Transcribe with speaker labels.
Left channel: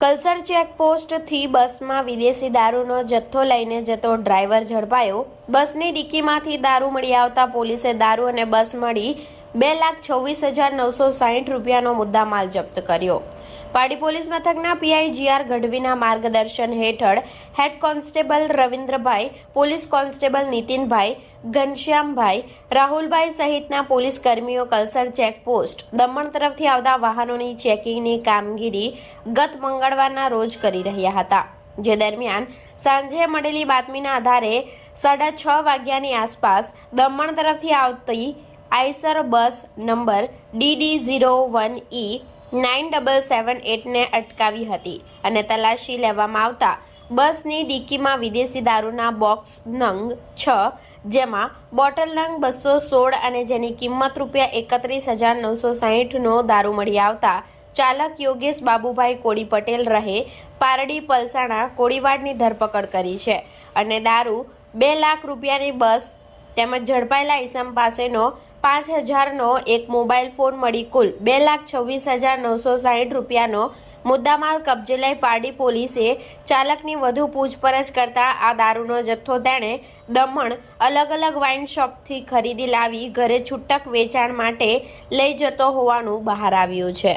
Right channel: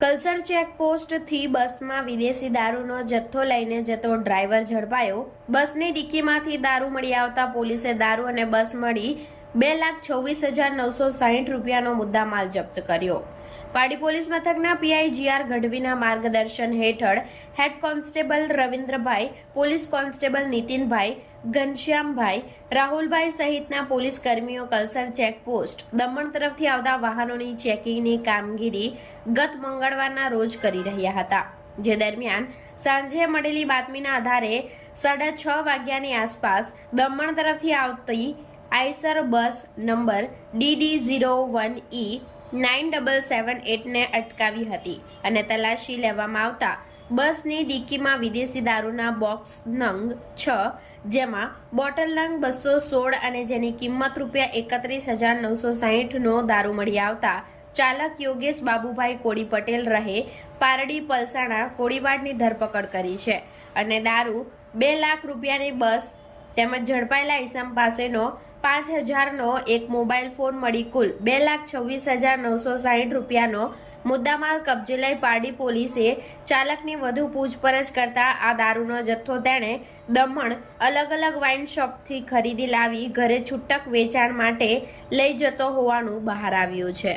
Speaker 1: કલસર ચેકપોસ્ટથી બસમાં વિદેશી દારૂનો જથ્થો લઈને જતો ડ્રાઈવર ઝડપાયો. બસની ડિક્કીમાંથી દારૂ મળી આવતા પોલીસે દારૂ અને બસ મળી બે લાખ છવ્વીસ હજાર નવસો સાહીઠ રૂપિયાનો મુદ્દામાલ જપ્ત કર્યો. પાડી પોલીસ મથકના પીઆઈ જીઆર ગઢવીના માર્ગદર્શન હેઠળ head constable Ravindrabhai, police constable Nitinbhai, Ghanshyambhai, Rahulbhai સહિતના પોલીસ કર્મીઓ કલસર ચેકપોસ્ટ દમણ તરફથી આવતા વાહનોની ચેકિંગની કામગીરી ગત મંગળવારના રોજ કરી રહ્યા હતા. જે દરમિયાન સાંજે મળેલી બાતમીના આધારે સાડા છ વાગ્યાની આસપાસ દમણ તરફથી આવતી Eicher bus number DD zero one E nine double seven એટને અટકાવી હતી અને તલાશી લેવામાં આવતા બસની ડીકીમાં વિદેશી દારૂના બોક્સ નંગ છ જેમાં બોટલ નંગ બસો સોળ અને જેની કિંમત રૂપિયા એકત્રીસ હજાર નવસો સાહીઠનો દારૂ મળી આવતા ચાલક યોગેશ બાબુભાઈ કોડી પટેલ રહે પારડી પલસાણા કોડીવાડની ધરપકડ કરી છે અને દારૂ બે લાખ રૂપિયાની બસ તેમજ ઝડપાયેલા ઇસમ પાસેનો પાંચ હજારનો એક મોબાઈલ ફોન મળી કુલ બે લાખ છવ્વીસ હજાર નવસો સાહીઠ રૂપિયાનો મુદ્દામાલ કબજે લઈ પારડી પોલીસે ચાલકની વધુ પૂછપરછ કરતા આ દારૂનો જથ્થો તેણે દમણ અલગ અલગ વાઇન શોપથી ખરીદી લાવી ઘરે છૂટક વેચાણ માટે લઈ જતો હોવાનું બહાર આવ્યું છે.